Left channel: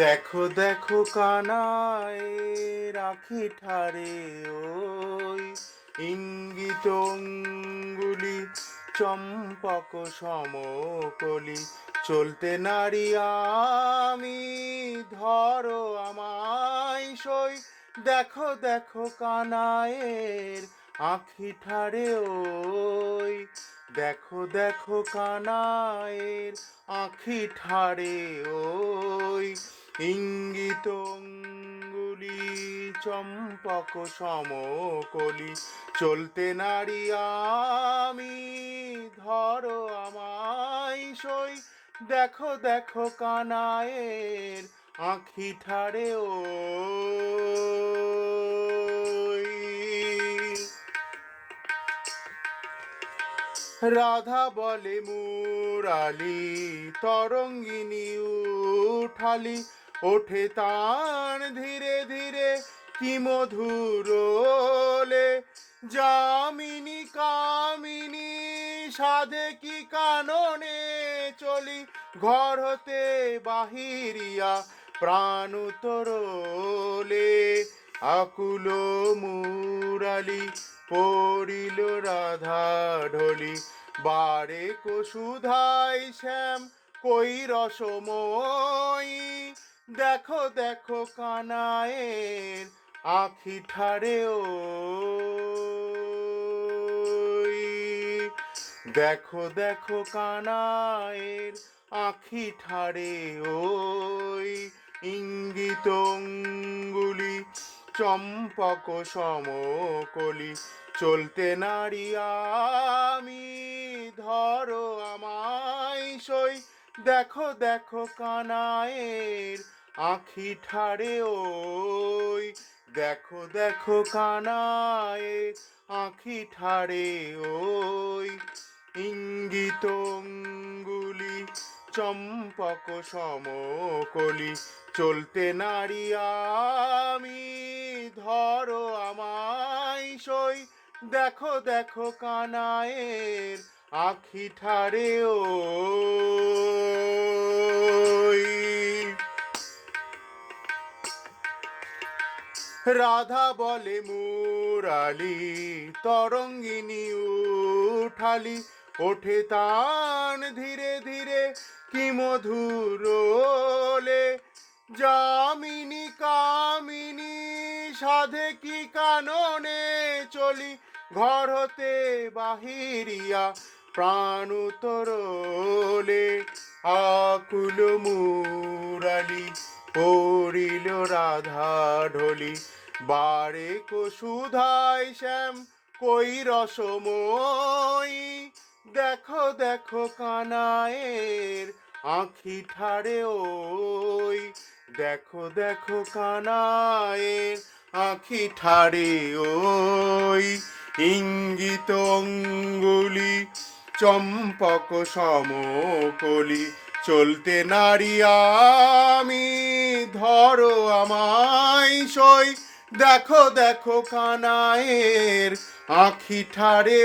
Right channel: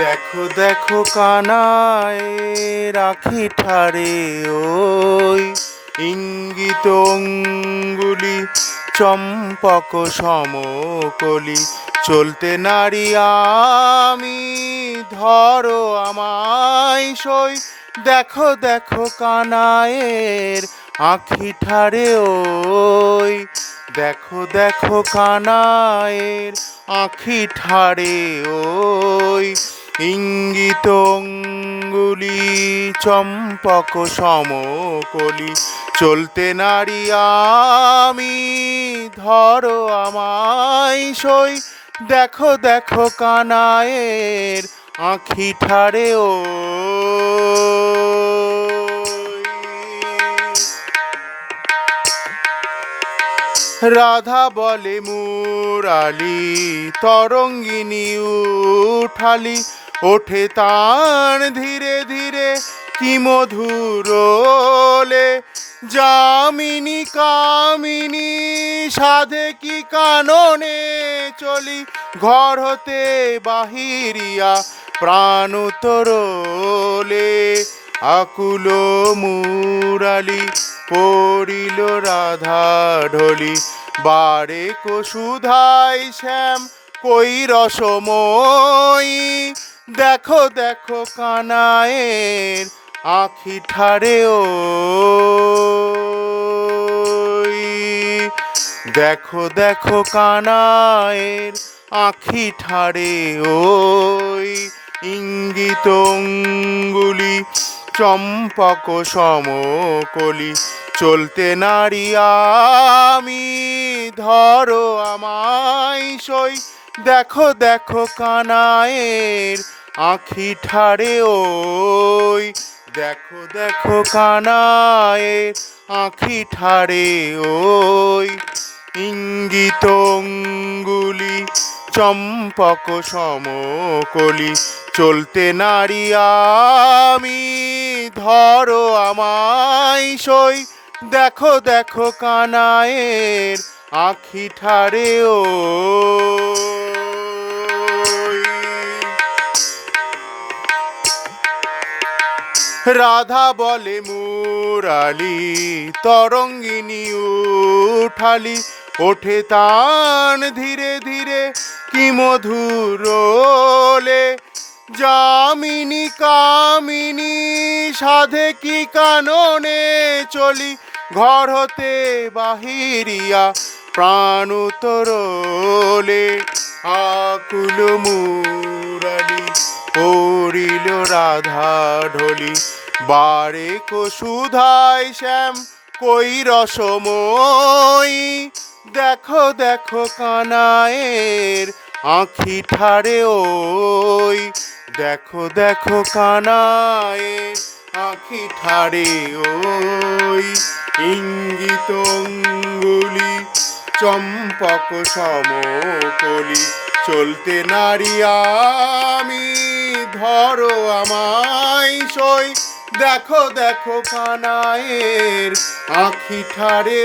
দেখো দেখো কানায় রাখি ঠারে ওই ইঙ্গিত অঙ্গুলি চম্পক সমকলি চলতে নারি আমি ধরো আমায় সই। দেখো দেখো কানায়ের আখি ঠারে ওই দেখো দেখো কানায়ের আখি ঠারে ওই ইঙ্গিত অঙ্গুলি চম্পক সমকলি চলতে নারি আমি ধরো আমায় সই। দেখো দেখো কানায়ের আখি ঠারে রাধা বলে মুরালি তরঙ্গিনী উঠালি ওঠে তার ধীরে ধীরে কি মধুরোলে যামিনী কামিনী সাধে কি কাননে চলি ঘর হতে বাহিরিয়া প্রাণ তরলে আকুল মুরালি পড়িল রাধা ঢলি বারে সুধাই শ্যাম কই রসময়ী। দেখো দেখো কানায়ের আখি ঠারে ওই দেখো দেখো কানায়ের আখি ঠারে ওই ইঙ্গিত অঙ্গুলি চম্পক সমকলি চলতে নারি আমি ধরো আমায় সই। দেখো দেখো কানায়ের আখি ঠারে ওই দেখো দেখো কানায়ের আখি ঠারে ওই ইঙ্গিত অঙ্গুলি চম্পক সমকলি চলতে নারি আমি ধরো আমায় সই। দেখো দেখো কানায়ের আখি ঠারে ওই রাধা বলে মুরালি তরঙ্গিনী উঠালি ওঠে তান ধীরে ধীরে কি মধুরোলে যামিনী কামিনী সাধে কি কাননে চলি ঘর হতে বাহিরিয়া প্রাণ তরলে আকুল মুরালি পড়িল রাধা ঢলি বারে সুধাই শ্যাম কই রসময়ী। দেখো দেখো কানায়ের আখি ঠারে ওই দেখো দেখো কানায়ের আখি ঠারে ওই ইঙ্গিত অঙ্গুলি চম্পক সমকলি চলতে নারি আমি ধরো আমায় সই। দেখো দেখো কানায়ের আখি ঠারে